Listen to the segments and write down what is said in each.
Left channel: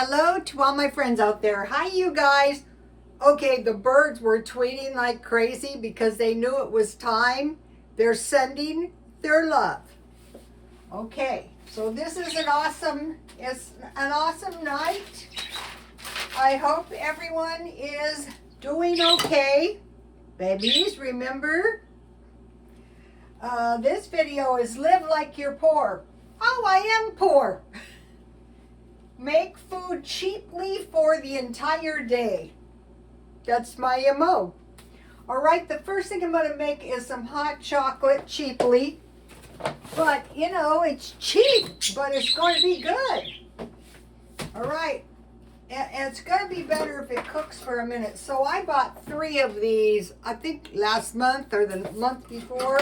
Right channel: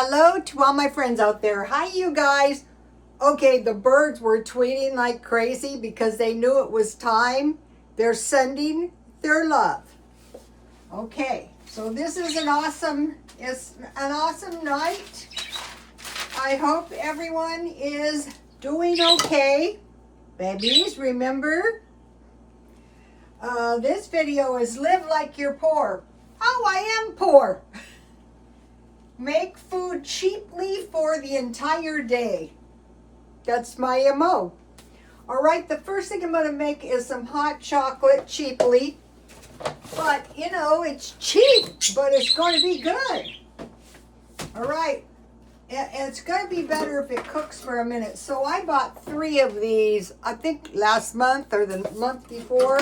Hello to all my friends out there. Hi, you guys. Okay, the birds were tweeting like crazy because they knew it was time. They're sending their love. Okay, so this is an awesome night. I hope everyone is doing okay. Babies, remember, this video is Live Like You're Poor. Oh, I am poor. Make food cheaply for the entire day. That's my MO. All right, the first thing I'm going to make is some hot chocolate cheaply. But, you know, it's cheap, but it's going to be good. All right, and it's going to be better if it cooks for a minute. So I bought 3 of these, I think last month or the month before.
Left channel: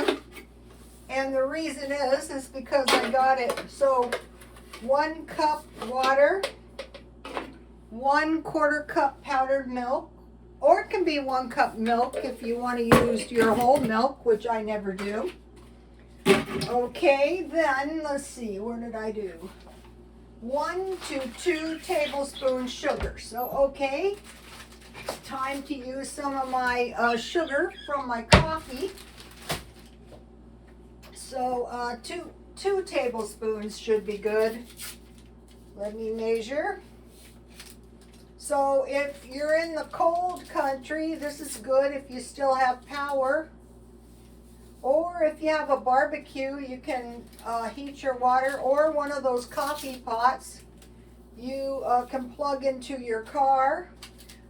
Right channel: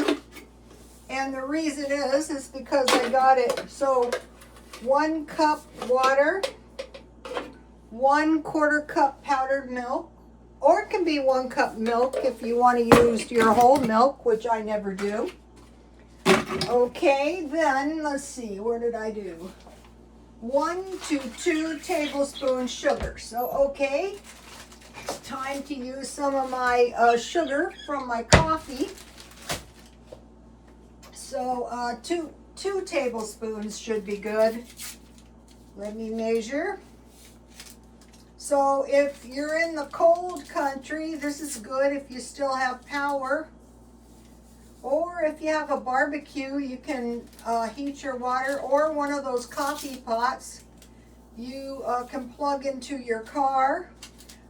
And the reason is because I got it. So 1 cup water, 1/4 cup powdered milk, or it can be 1 cup milk if you want to use your whole milk, which I never do. Okay, then let's see, where did I do? 1 to 2 tablespoons sugar. So, okay, time to use some of my sugar from my coffee. So, 2 tablespoons should be good. Let me measure. So if you're in the cold country, this is good if you still have power. Or if you have a barbecue, you can heat your water, or one of those coffee pots you can plug into your car.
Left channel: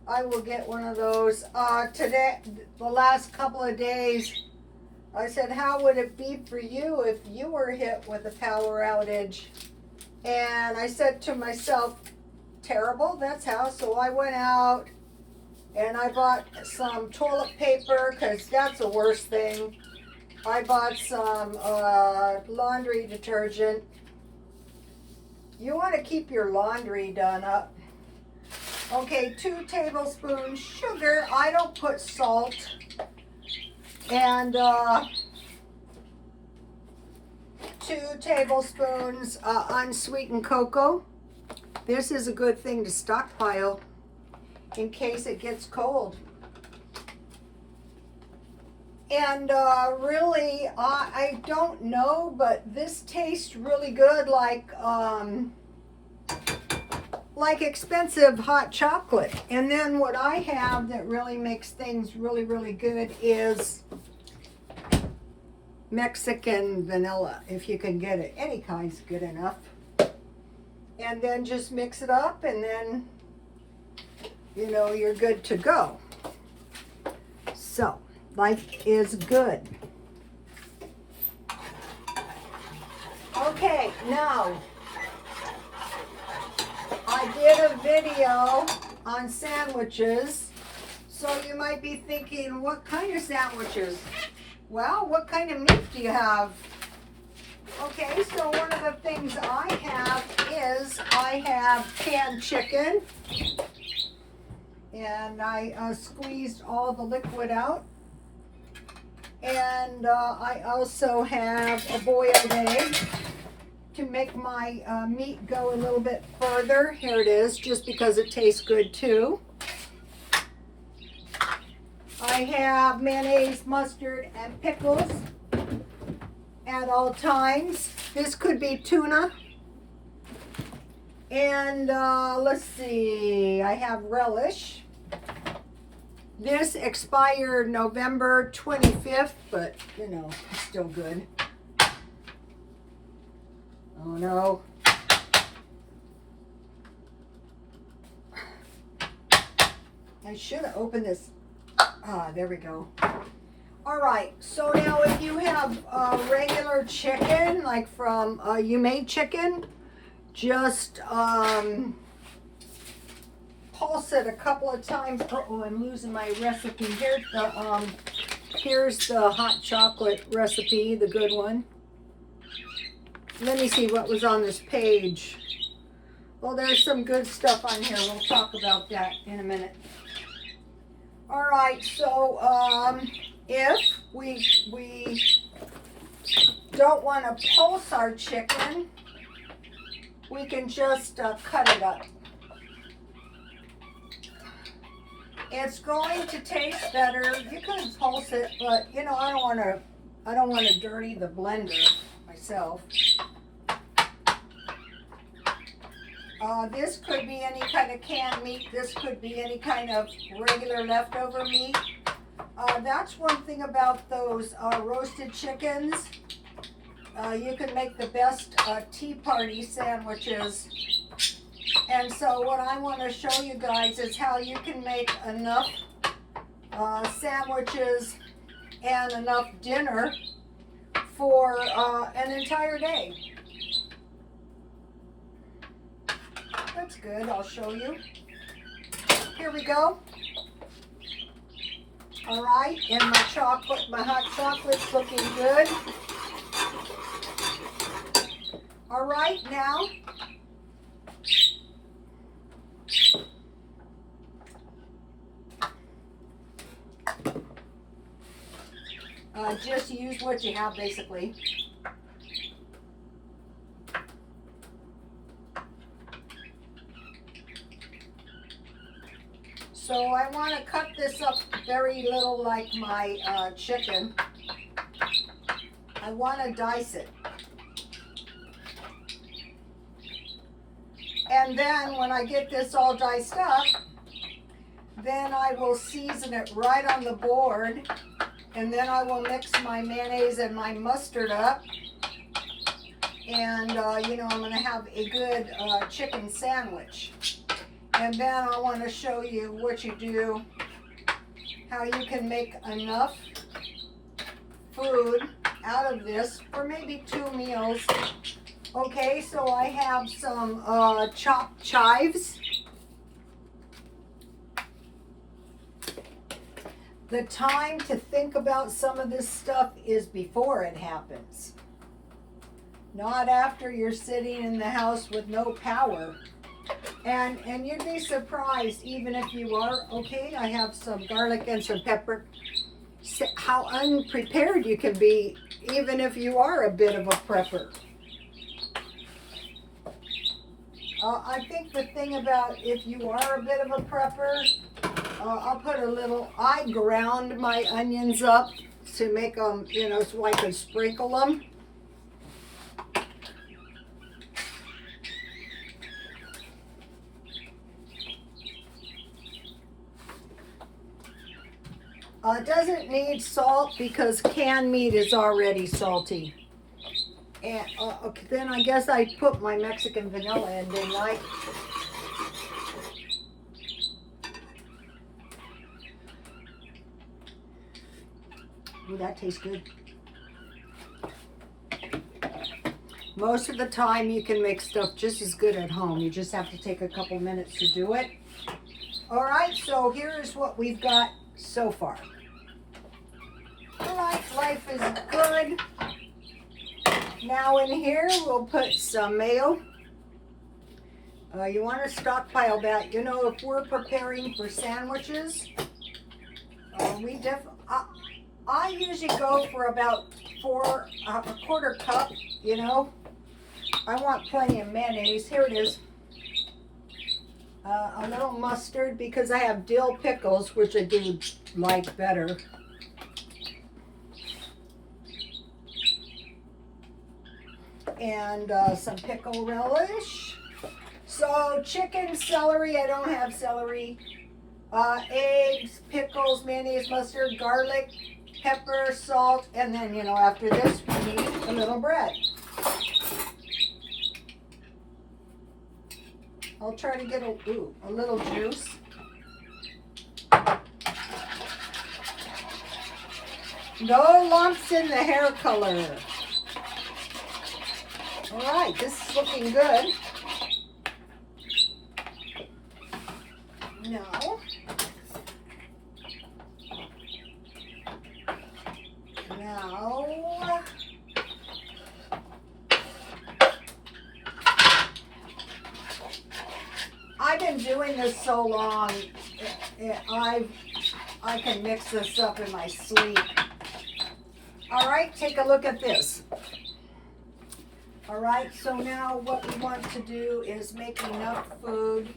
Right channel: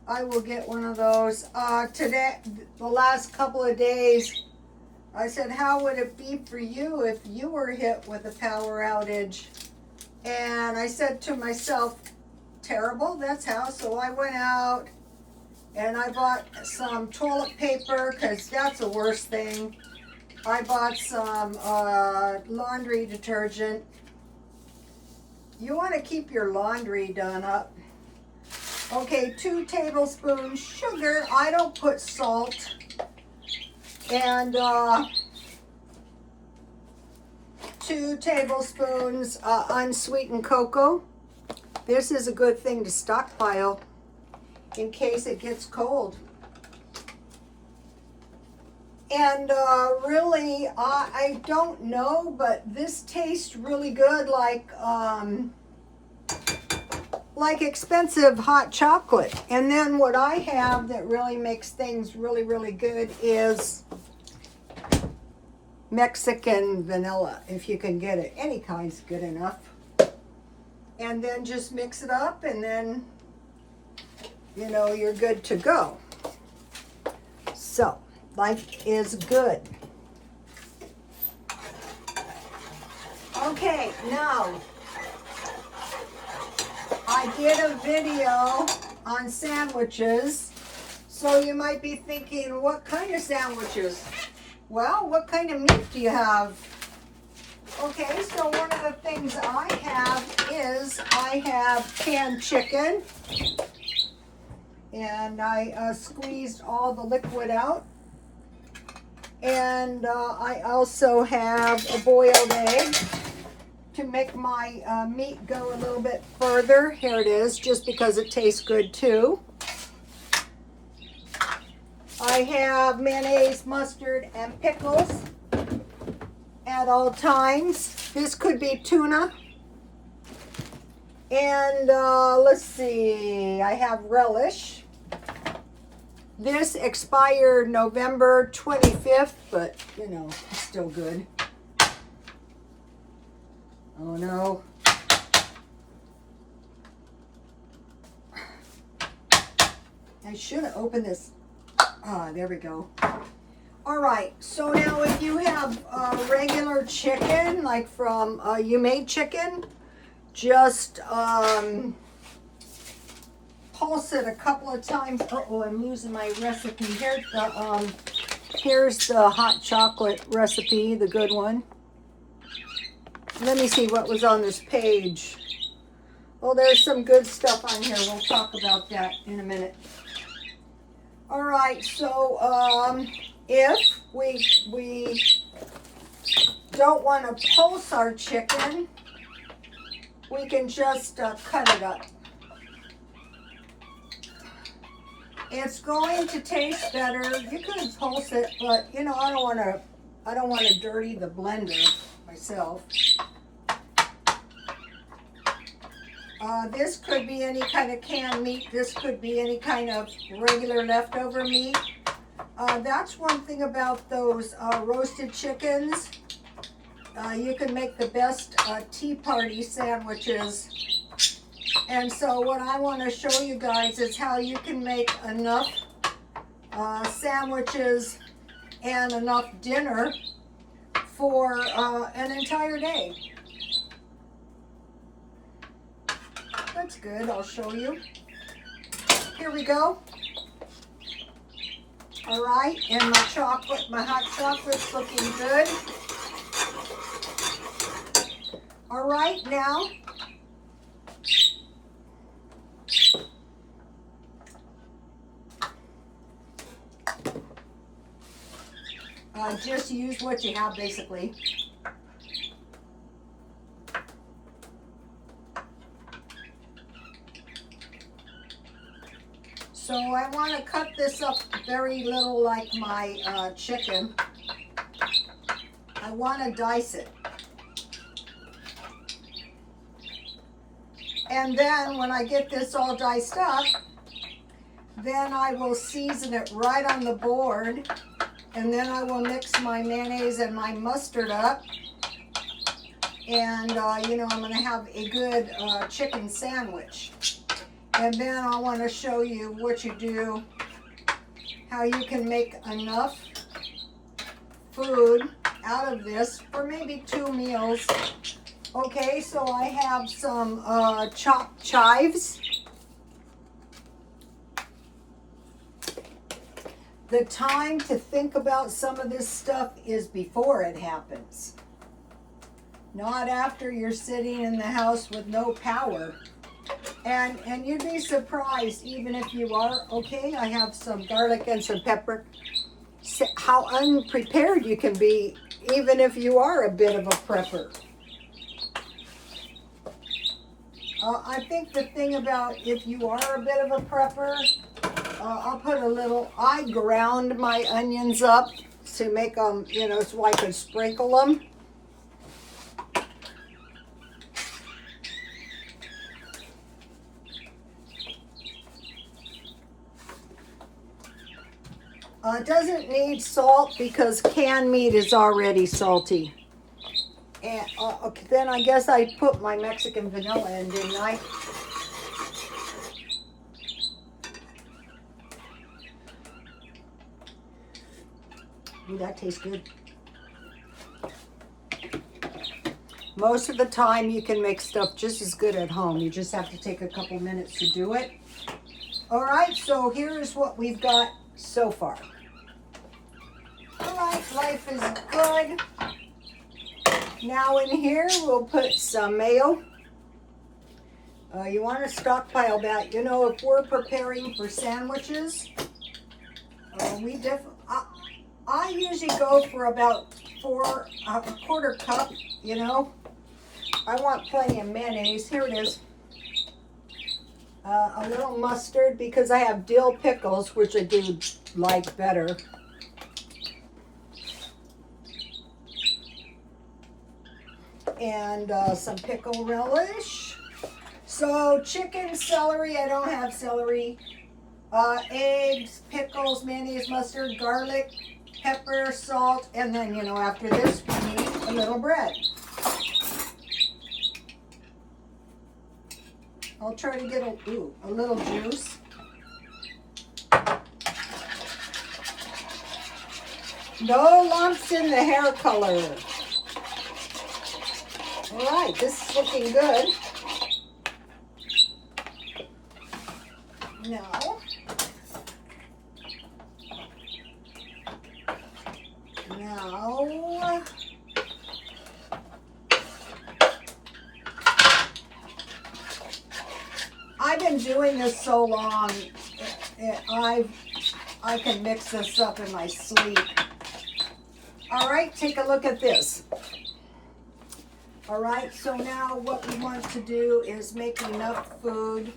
I will get one of those. Today, the last couple of days, I said, how would it be for you if you were hit with a power outage? And I said to myself, terrible, that's how. So I went out and I bought some toilet paper, because that's the worst thing. I bought some laundry detergent. You want to keep your laundry done up. Okay, 2 tablespoons sugar. I don't put salt. And 2 tablespoons unsweetened cocoa. This is a good thing to stockpile in case it gets cold. And really, I don't know, but this tastes really good, like expensive hot chocolate. And then what I have that really makes things really, really good is Mexican vanilla, if you can get it. Any kind's good enough. And then just mix it up, and then, you know, you're good to go. So, life is good. Okay, now, I did a video on sandwiches, so you might be thinking, what kind of sandwiches? Well, what kind of meat do you have? Okay, so one of the things I have is I have canned chicken, and I squeezed all the liquid out. And I also have a boiled egg to make my meat go a little bit further. Here it is, just because it tastes good too. I have mayonnaise, mustard, and pickles at all times. This could be tuna. And let's see, I have relish. This expired November 25th, but you know, it's still good. Oh no. I should have opened this. Ah, there we go. All right, so now if you have regular chicken, like from You Made Chicken, just pulse it a couple of times. Uh-oh, I'm losing my recipe. Here's the hot chocolate recipe, the good one. Let me see what was on this page. Oh, there's some good stuff on here. We'll talk about that in a minute. All right, so if we don't want to pulse our chicken, we can just cut it up. It's going to taste better. You could pulse it, but you know, I don't want to dirty the blender myself. This could be any kind of canned meat. This could be any kind of regular leftover meat. That's one thing about those roasted chickens. You can make the best tea party sandwiches. And so what I want to show you guys is how you can make enough sandwiches and enough dinner for an entire day. That's good, I'll show you. Here we go. All right, and my hot chocolate's looking good. All right, now, just use what you have, basically. So I want to cut this up very little like my chicken. I want to dice it. And then when I get this all diced up, then I will season it right on the board. And then I will mix my mayonnaise and my mustard up. And, you know, I'm going to have a good chicken sandwich. And then I want to show you what you do, how you can make enough food out of this for maybe 2 meals. Okay, so I have some chopped chives. The time to think about some of this stuff is before it happens. Not after you're sitting in the house with no power. And you'd be surprised, even if you are, okay, I have some garlic and some pepper, how unprepared you can be, even if you are a bit of a prepper. I think the thing about if you are a bit of a prepper, I ground my onions up to make them, you know, so I can sprinkle them. It doesn't need salt because canned meat is already salty. And okay, then I guess I put my Mexican vanilla in, didn't I? Ooh, that tastes good. Most of the time you can make stuff just as good at home. You just have to take a couple minutes to do it. All right, so here's what we've got so far. All right, life is good. Now in here, we'll put some mayo. You want to stockpile that. You know, if we're preparing for sandwiches, I usually go for about a quarter cup, you know. I want plenty of mayonnaise. Here it is. A little mustard because I have dill pickles, which I do like better. And some pickle relish. So chicken, celery, I don't have celery. Eggs, pickles, mayonnaise, mustard, garlic, pepper, salt, and then, you know, after this we need a little bread. I'll try to get a little juice. No lumps in the hair color. All right, this is looking good. Now, I've been doing this so long, I can mix this up in my sleep. All right, take a look at this. All right, so now what we want to do is make enough food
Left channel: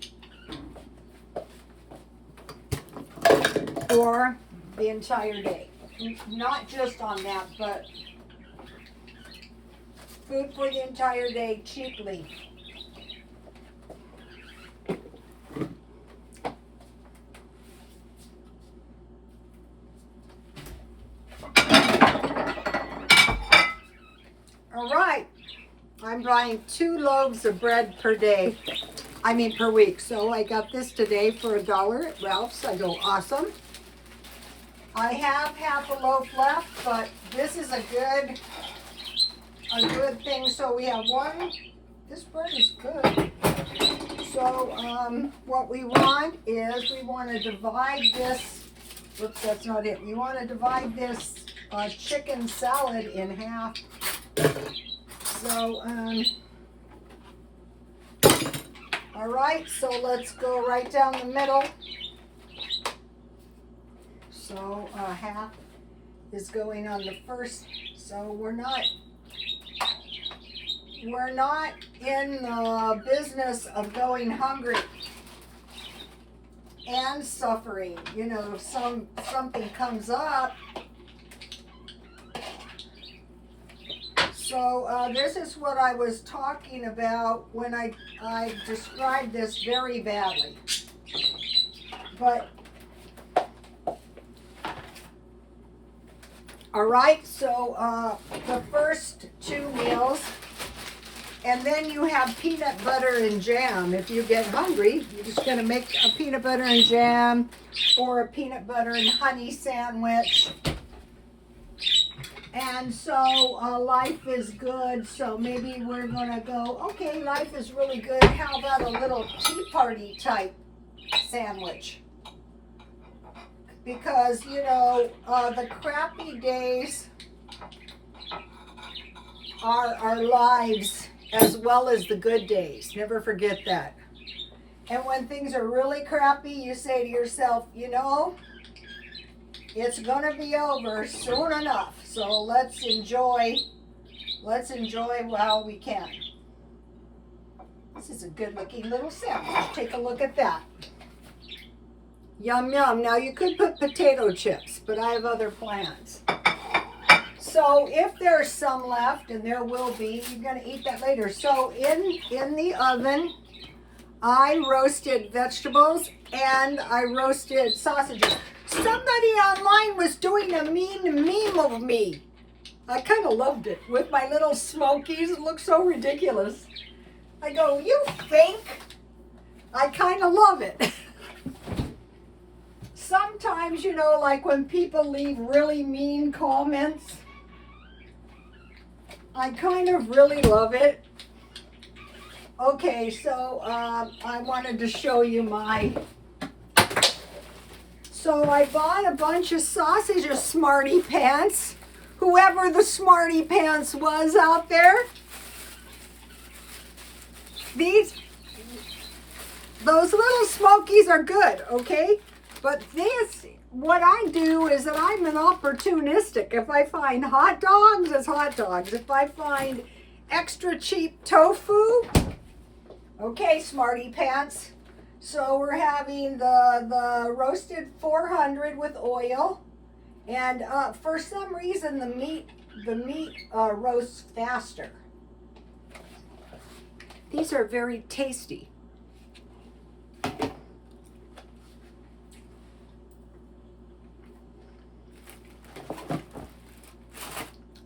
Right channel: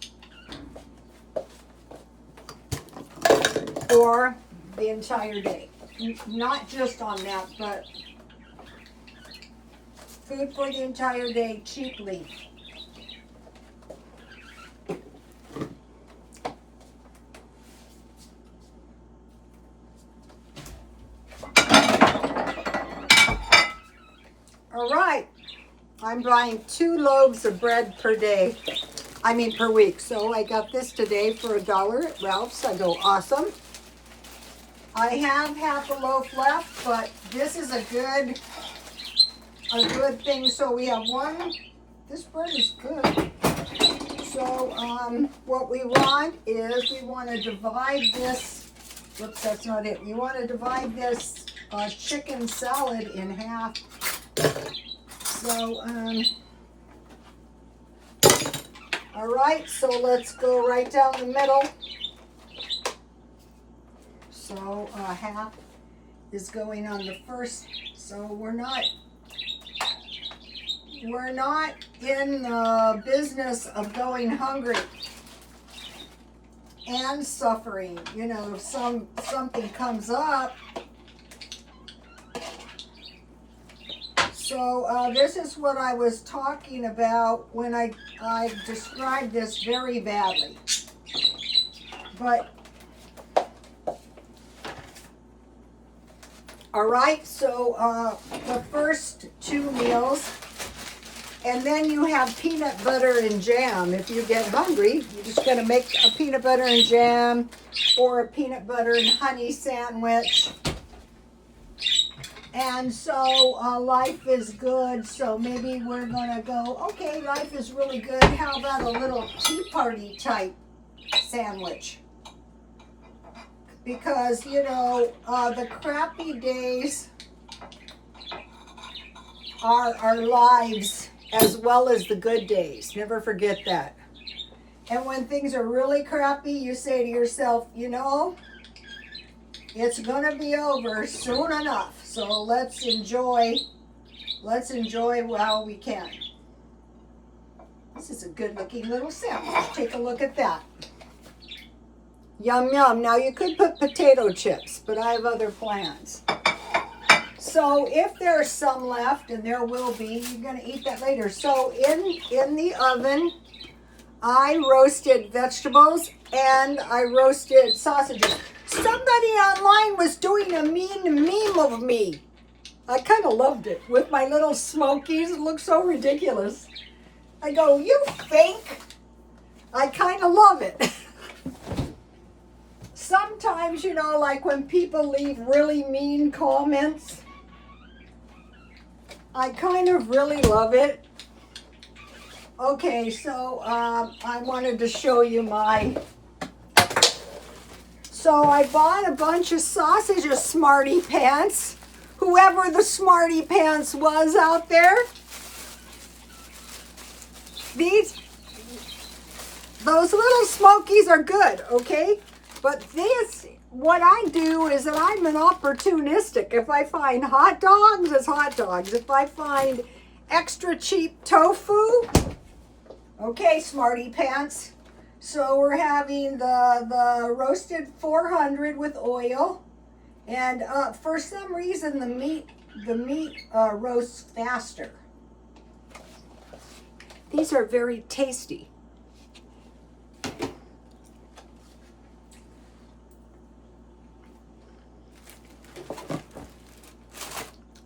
for the entire day. Not just on that, but food for the entire day cheaply. All right, I'm buying 2 loaves of bread per day. Per week. So I got this today for $1 at Ralph's. I go, awesome. I have half a loaf left, but this is a good thing. So we have one. This bread is good. So what we want is we want to divide this. Whoops, that's not it. We want to divide this chicken salad in half. So all right, so let's go right down the middle. So half is going on the first. So we're not in the business of going hungry and suffering. You know, if something comes up. So this is what I was talking about when I described this very badly. But, all right, so the first 2 meals, and then you have peanut butter and jam. If you get hungry, you're just going to make a peanut butter and jam or a peanut butter and honey sandwich. And so life is good, so maybe we're going to go, okay, life is really good. How about a little tea party type sandwich? Because, you know, the crappy days are our lives as well as the good days. Never forget that. And when things are really crappy, you say to yourself, you know, it's going to be over soon enough. So let's enjoy while we can. This is a good looking little sandwich. Take a look at that. Yum, yum. Now you could put potato chips, but I have other plans. So if there's some left, and there will be, you're going to eat that later. So in the oven, I roasted vegetables and I roasted sausages. Somebody online was doing a mean meme of me. I kind of loved it with my little smokies. It looks so ridiculous. I go, you think? I kind of love it. Sometimes, you know, like when people leave really mean comments, I kind of really love it. Okay, so I wanted to show you So I bought a bunch of sausages, Smarty Pants. Whoever the Smarty Pants was out there. Those little smokies are good, okay? But what I do is that I'm an opportunistic. If I find hot dogs, it's hot dogs. If I find extra cheap tofu, okay, Smarty Pants. So we're having the roasted 400 with oil, and for some reason the meat roasts faster. These are very tasty.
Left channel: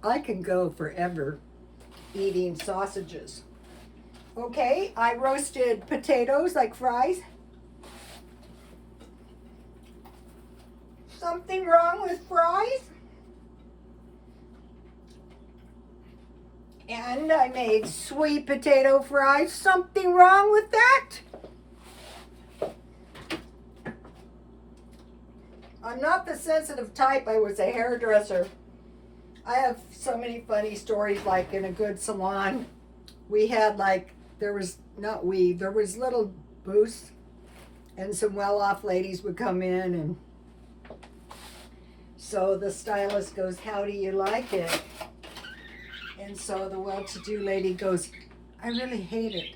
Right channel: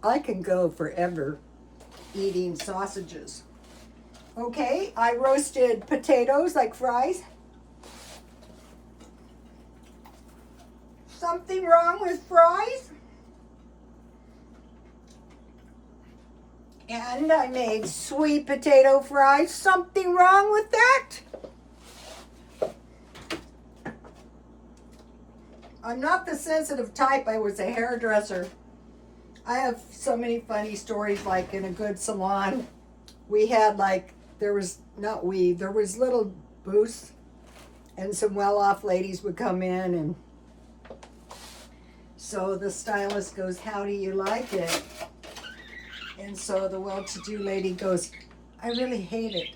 I can go forever eating sausages. Okay, I roasted potatoes like fries. Something wrong with fries? And I made sweet potato fries. Something wrong with that? I'm not the sensitive type. I was a hairdresser. I have so many funny stories, like in a good salon. We had there was little booths, and some well-off ladies would come in, and so the stylist goes, how do you like it? And so the well-to-do lady goes, I really hate it.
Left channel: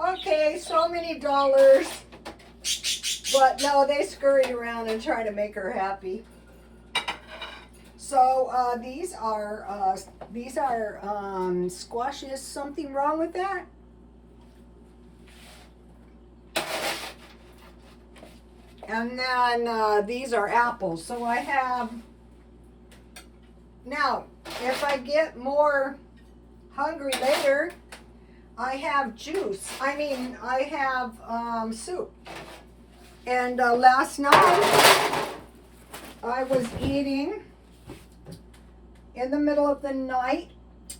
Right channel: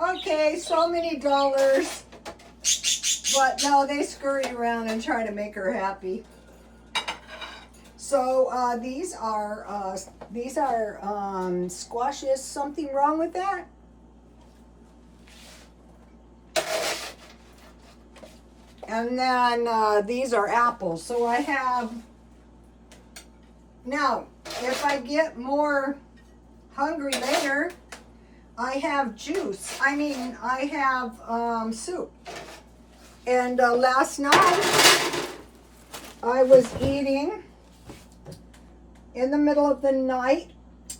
Okay, so many dollars. But no, they scurried around and tried to make her happy. So these are squashes. Something wrong with that? And then these are apples. So I have, now, if I get more hungry later, I have juice. I have soup. And last night, I was eating in the middle of the night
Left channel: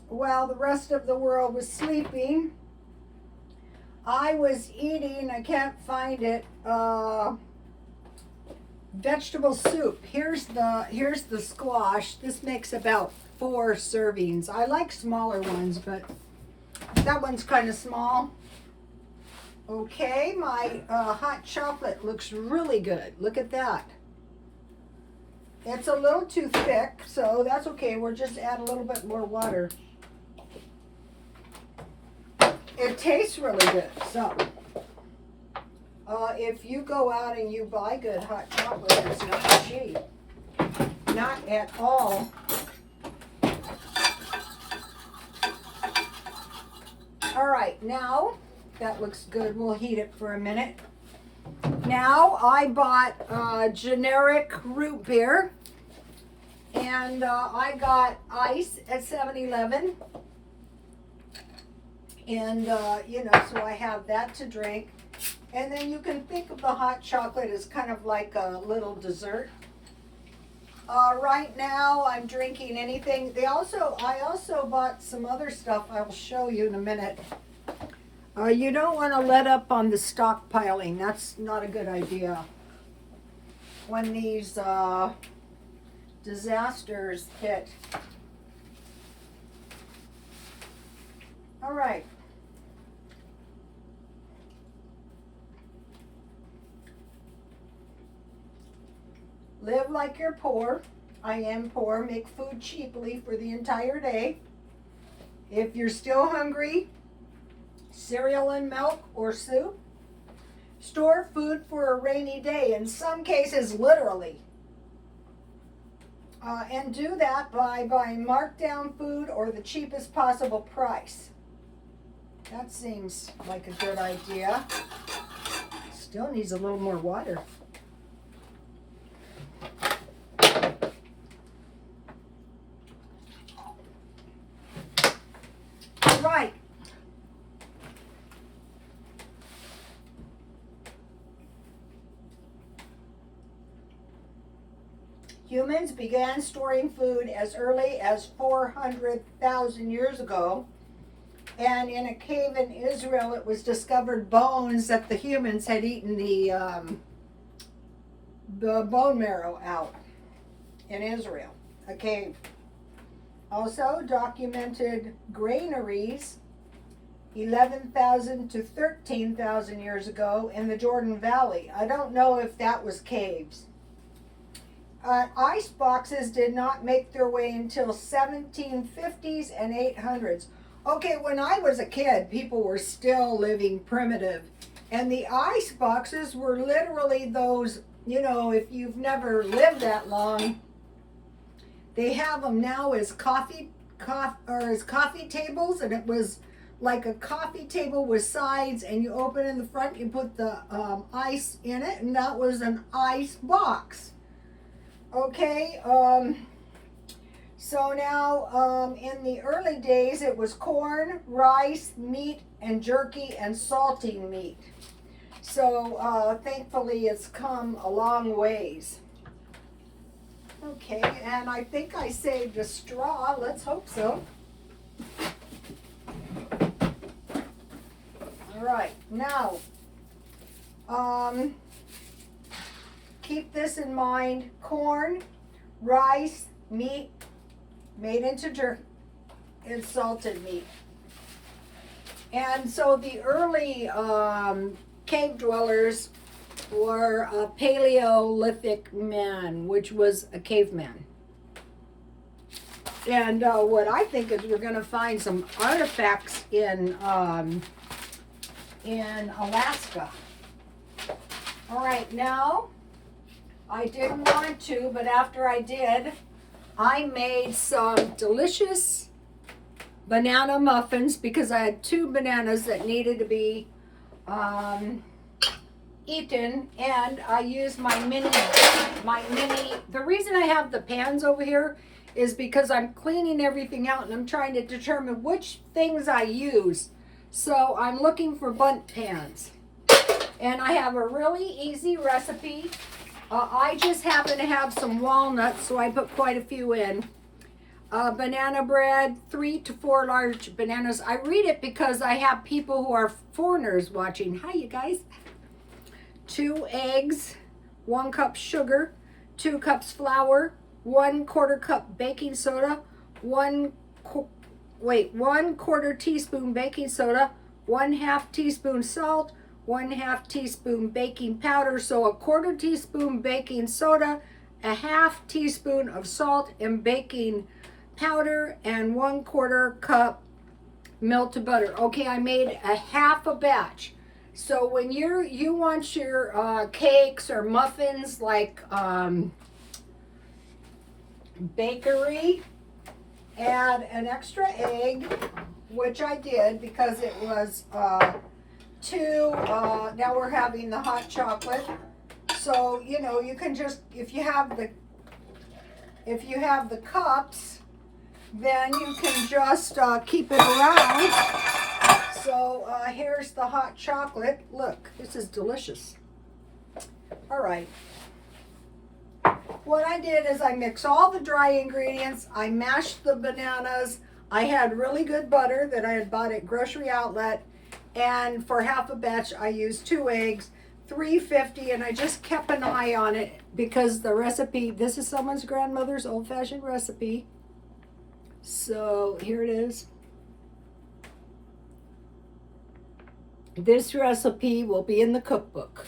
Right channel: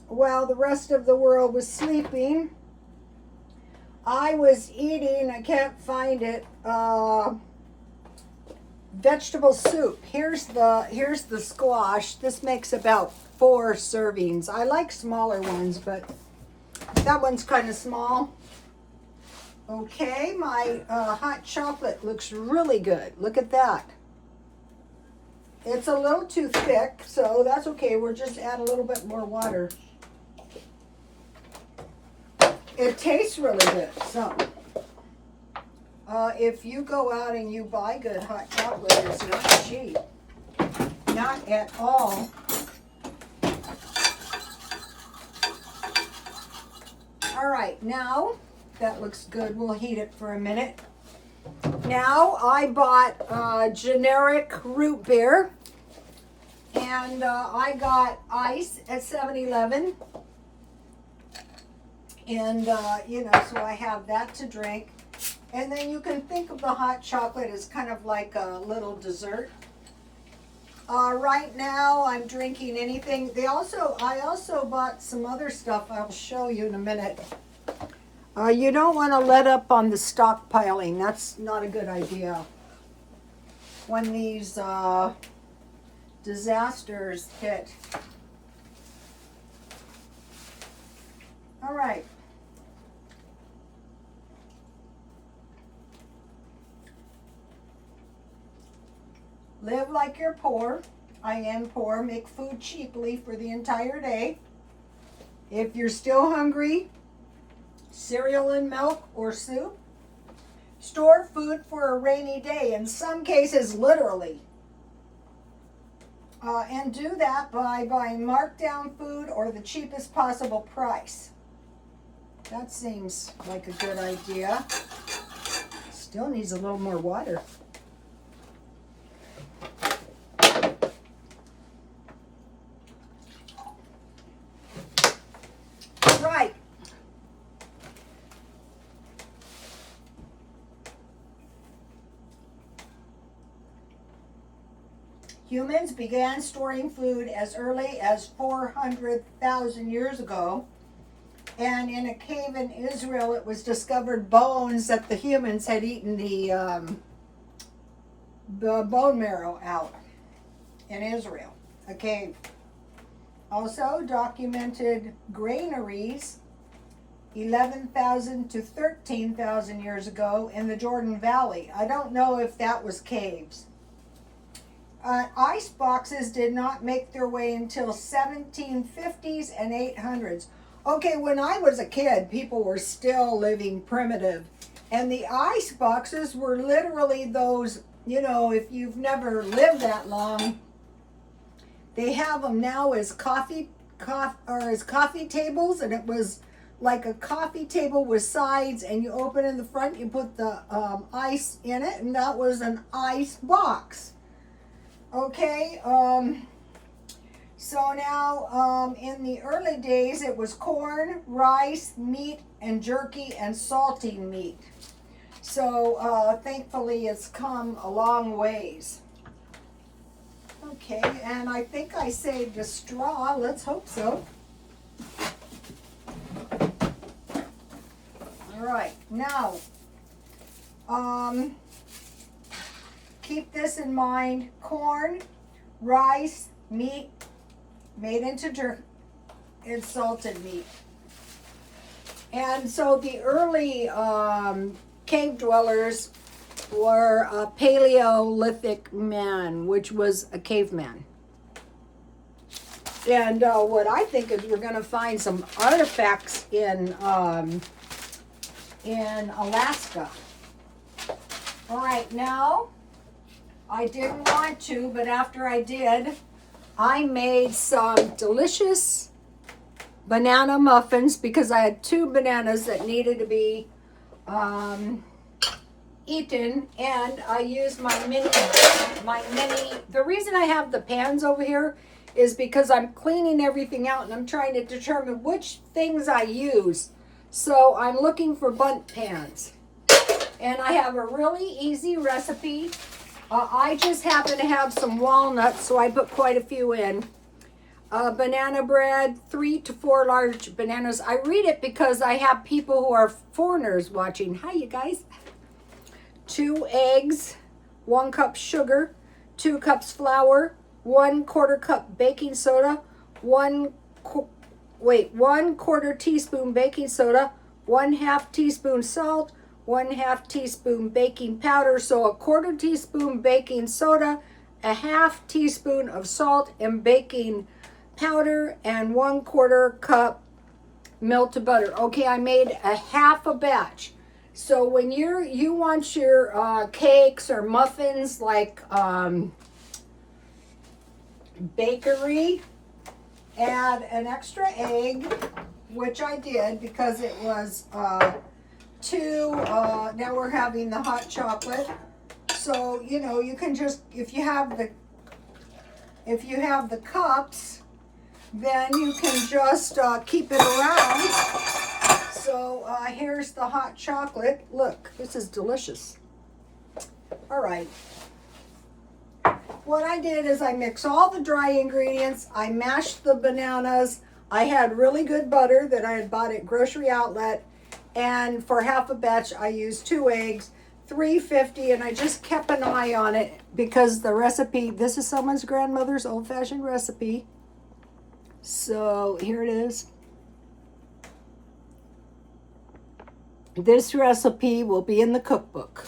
while the rest of the world was sleeping. I was eating, I can't find it, vegetable soup. Here's the squash. This makes about 4 servings. I like smaller ones, but that one's kind of small. Okay, my hot chocolate looks really good. Look at that. It's a little too thick, so that's okay. We'll just add a little bit more water. It tastes really good. So, if you go out and you buy good hot chocolate, it's not cheap. Not at all. All right, now that looks good. We'll heat it for a minute. Now I bought generic root beer, and I got ice at 7-Eleven, and so I have that to drink. And then you can think of the hot chocolate as kind of like a little dessert. Right now I'm drinking anything. I also bought some other stuff I'll show you in a minute. You don't want to let up on the stockpiling. That's not a good idea. When these disasters hit. All right. Live like you're poor. I am poor. Make food cheaply for the entire day. If you're still hungry, cereal and milk or soup. Store food for a rainy day, in some cases literally. And do that by buying markdown food or the cheapest possible price. That seems like a good idea. Still needs a little more water. Right. Humans began storing food as early as 400,000 years ago. And in a cave in Israel, it was discovered bones that the humans had eaten the bone marrow out in Israel, a cave. Also documented granaries 11,000 to 13,000 years ago in the Jordan Valley. I don't know if that was caves. Ice boxes did not make their way until 1750s and 800s. Okay, when I was a kid, people were still living primitive. And the ice boxes were literally those, if you've never lived that long, they have them now as coffee tables, and it was like a coffee table with sides, and you open in the front, you put the ice in it, and that was an ice box. Okay, so now in the early days it was corn, rice, meat, and jerky, and salting meat. So thankfully it's come a long ways. Okay, and I think I saved a straw. Let's hope so. All right, now keep this in mind. Corn, rice, meat made into jerky, and salted meat. And so the early cave dwellers were a Paleolithic man, which was a caveman. And what I think is you're going to find some artifacts in Alaska. All right, now, I didn't want to, but after I did, I made some delicious banana muffins because I had 2 bananas that needed to be eaten, and I used my mini, the reason I have the pans over here is because I'm cleaning everything out and I'm trying to determine which things I use. So I'm looking for bundt pans. And I have a really easy recipe. I just happen to have some walnuts, so I put quite a few in. Banana bread, 3 to 4 large bananas. I read it because I have people who are foreigners watching. Hi, you guys. 2 eggs, 1 cup sugar, 2 cups flour, 1/4 cup baking soda, 1/4 teaspoon baking soda, 1/2 teaspoon salt, 1/2 teaspoon baking powder. So 1/4 teaspoon baking soda, 1/2 teaspoon of salt and baking powder, and 1/4 cup melted butter. Okay, I made a half a batch. So when you want your cakes or muffins like bakery, add an extra egg, which I did because it was 2. Now we're having the hot chocolate. So you know, you can just, if you have the cups, then you can just keep it around. So here's the hot chocolate. Look, this is delicious. All right. What I did is I mixed all the dry ingredients. I mashed the bananas. I had really good butter that I had bought at Grocery Outlet. And for half a batch, I used 2 eggs, 350, and I just kept an eye on it because the recipe, this is someone's grandmother's old-fashioned recipe. So here it is. This recipe will be in the cookbook.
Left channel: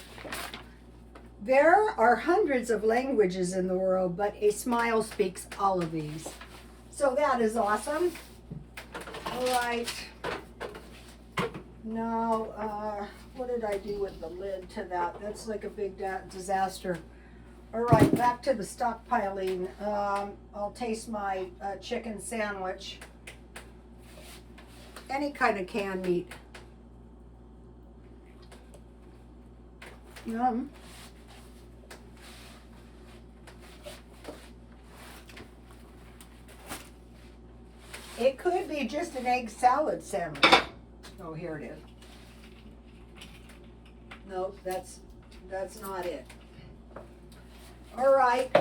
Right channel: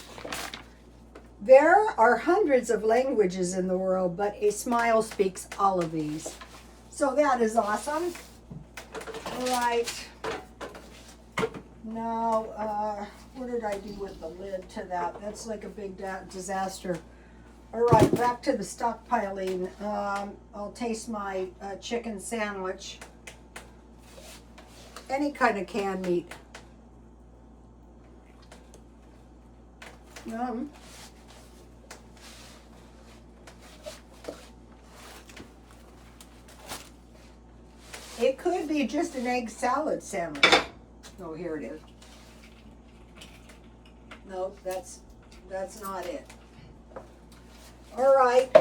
There are hundreds of languages in the world, but a smile speaks all of these. So that is awesome. All right. Now, what did I do with the lid to that? That's like a big disaster. All right, back to the stockpiling. I'll taste my chicken sandwich. Any kind of canned meat. Yum. It could be just an egg salad sandwich. Oh, here it is. Nope, that's not it. All right.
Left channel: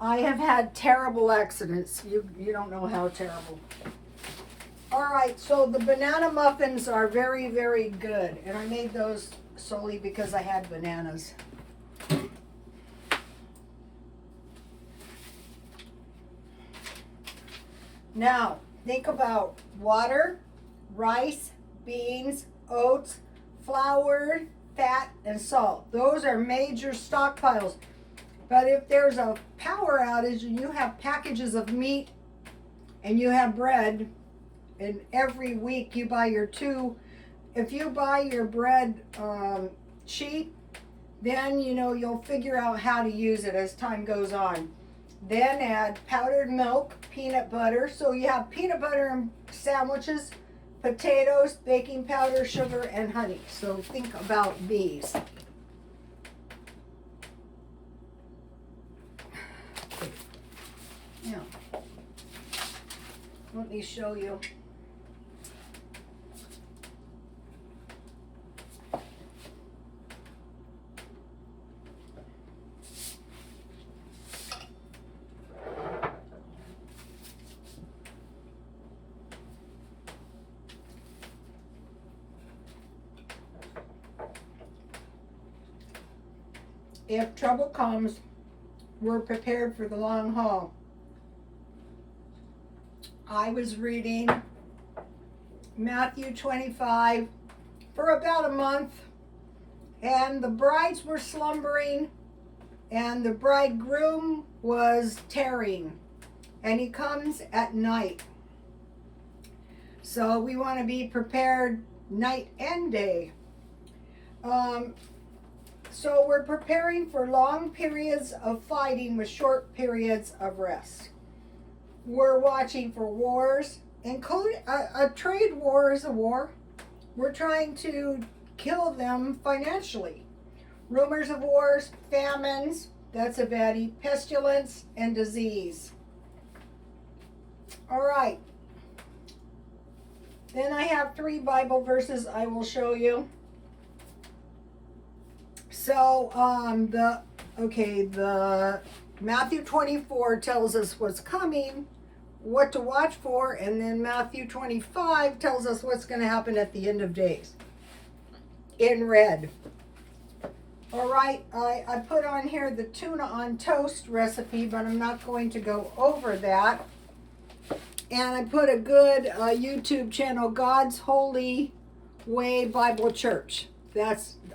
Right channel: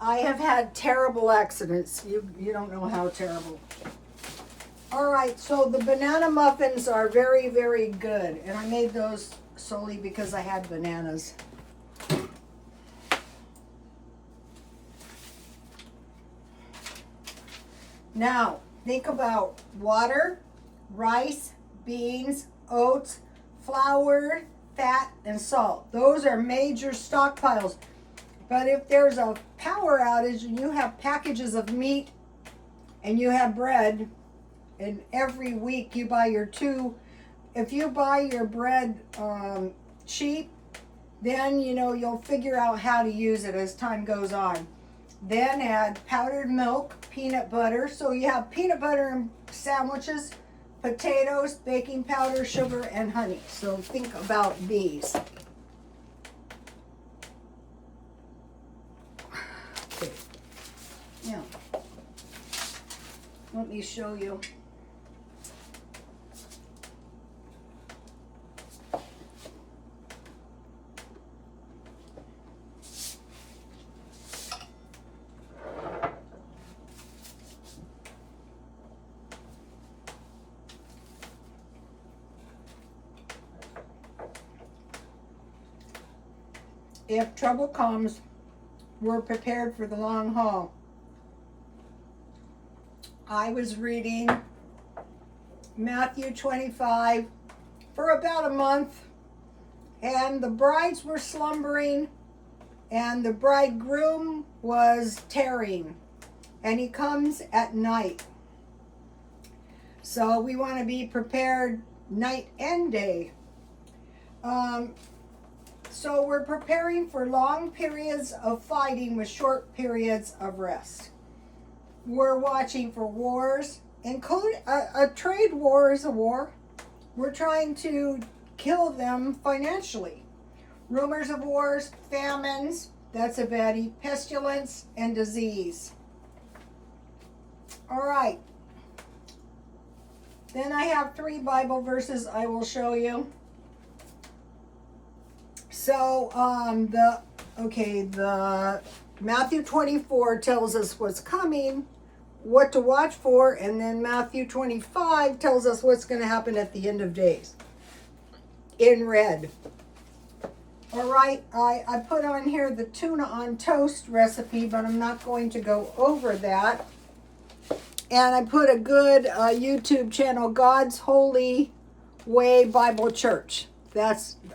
I have had terrible accidents. You don't know how terrible. All right, so the banana muffins are very, very good. And I made those solely because I had bananas. Now, think about water, rice, beans, oats, flour, fat, and salt. Those are major stockpiles. But if there's a power outage and you have packages of meat and you have bread, and every week you buy your 2, if you buy your bread cheap, then you know you'll figure out how to use it as time goes on. Then add powdered milk, peanut butter. So you have peanut butter and sandwiches, potatoes, baking powder, sugar, and honey. So think about these. Okay. Now, let me show you. If trouble comes, we're prepared for the long haul. I was reading Matthew 25 for about a month, and the brides were slumbering, and the bridegroom was tarrying, and he comes at night. So we want to be prepared night and day. So we're preparing for long periods of fighting with short periods of rest. We're watching for wars, including a trade war is a war. We're trying to kill them financially. Rumors of wars, famines, that's a baddie, pestilence, and disease. All right. Then I have 3 Bible verses I will show you. So, the Matthew 24 tells us what's coming, what to watch for, and then Matthew 25 tells us what's going to happen at the end of days, in red. All right, I put on here the tuna on toast recipe, but I'm not going to go over that. And I put a good YouTube channel, God's Holy Way Bible Church.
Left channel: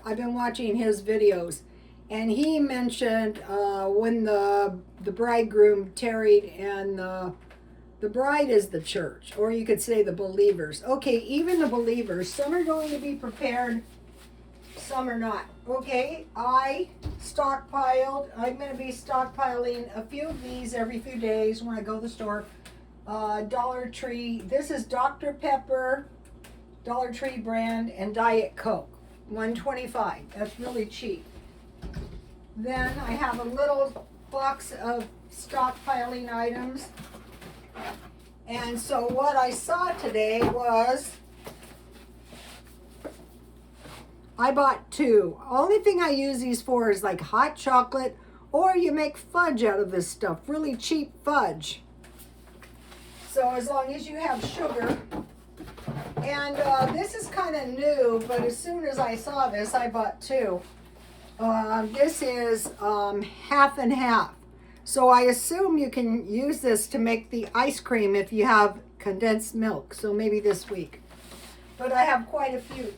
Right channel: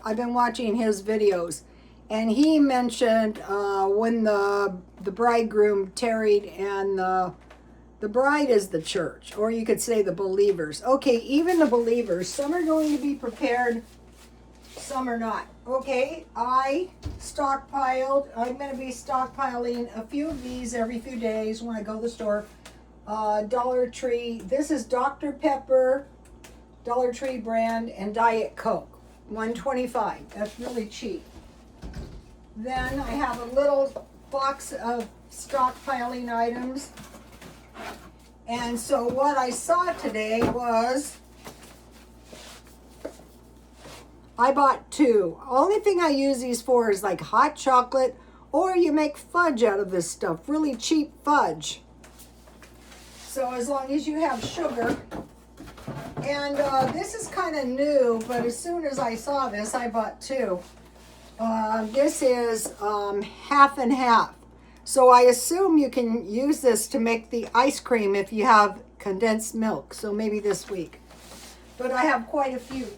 I've been watching his videos, and he mentioned when the bridegroom tarried, and the bride is the church, or you could say the believers. Okay, even the believers, some are going to be prepared, some are not. Okay, I stockpiled. I'm going to be stockpiling a few of these every few days when I go to the store. Dollar Tree. This is Dr. Pepper, Dollar Tree brand, and Diet Coke. $1.25. That's really cheap. Then I have a little box of stockpiling items. And so what I saw today was I bought 2. Only thing I use these for is like hot chocolate, or you make fudge out of this stuff, really cheap fudge. So as long as you have sugar. And this is kind of new, but as soon as I saw this, I bought 2. This is half and half. So I assume you can use this to make the ice cream if you have condensed milk. So maybe this week. But I have quite a few.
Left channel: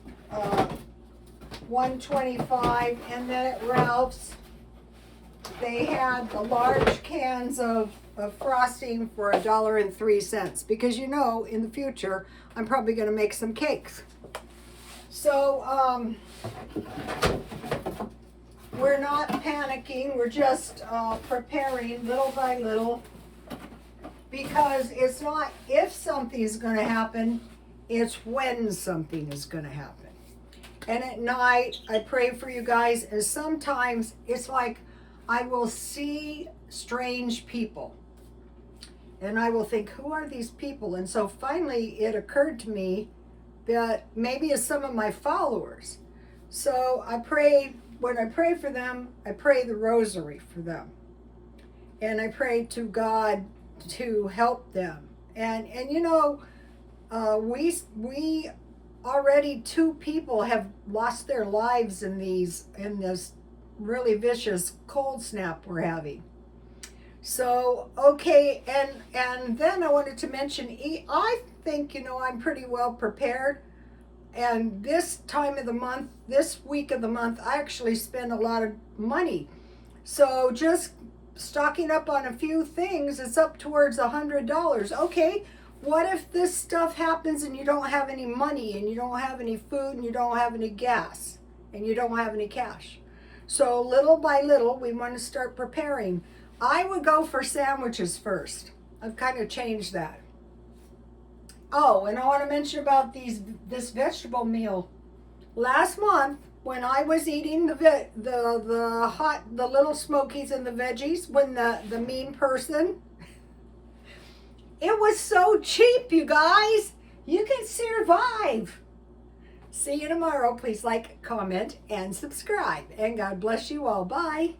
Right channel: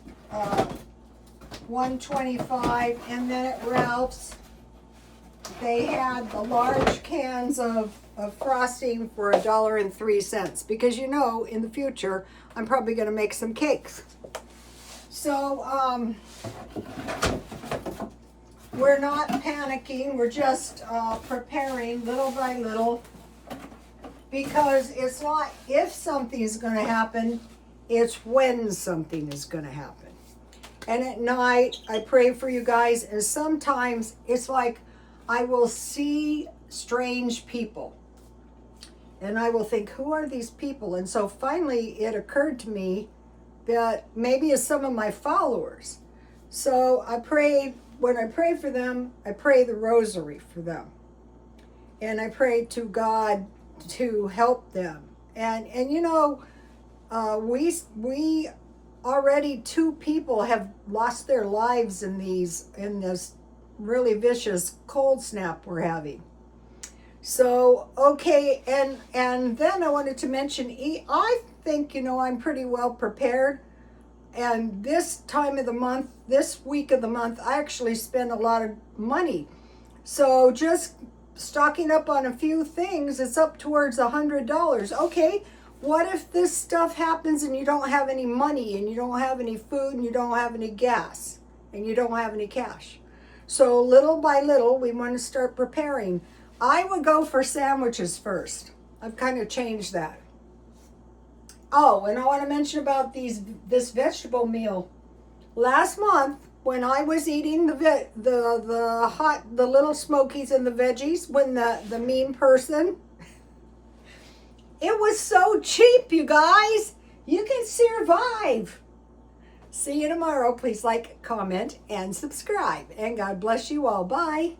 $1.25, and then at Ralph's, they had the large cans of frosting for $1.03, because you know in the future I'm probably going to make some cakes. So we're not panicking, we're just preparing little by little, because it's not if something is going to happen, it's when something is going to happen. And at night I pray for you guys, and sometimes it's like I will see strange people. And I will think, who are these people? And so finally it occurred to me that maybe it's some of my followers. So I pray, when I pray for them, I pray the rosary for them. And I pray to God to help them. And you know, we already 2 people have lost their lives in this really vicious cold snap we're having. So, okay, and then I wanted to mention, I think, you know, I'm pretty well prepared. And this time of the month, this week of the month, I actually spend a lot of money. So just stocking up on a few things, it's up towards $100. Okay, what if this stuff happens and you don't have any money, and you don't have any food, and you don't have any gas, and you don't have any cash? So little by little, we want to start preparing. I would go for sandwiches first. I've kind of changed that. Oh, and I want to mention about this vegetable meal. Last month, when I was eating the little smokies and the veggies, when the mean person, it was so cheap, you guys. You can survive. See you tomorrow. Please like, comment, and subscribe. And God bless you all. Bye.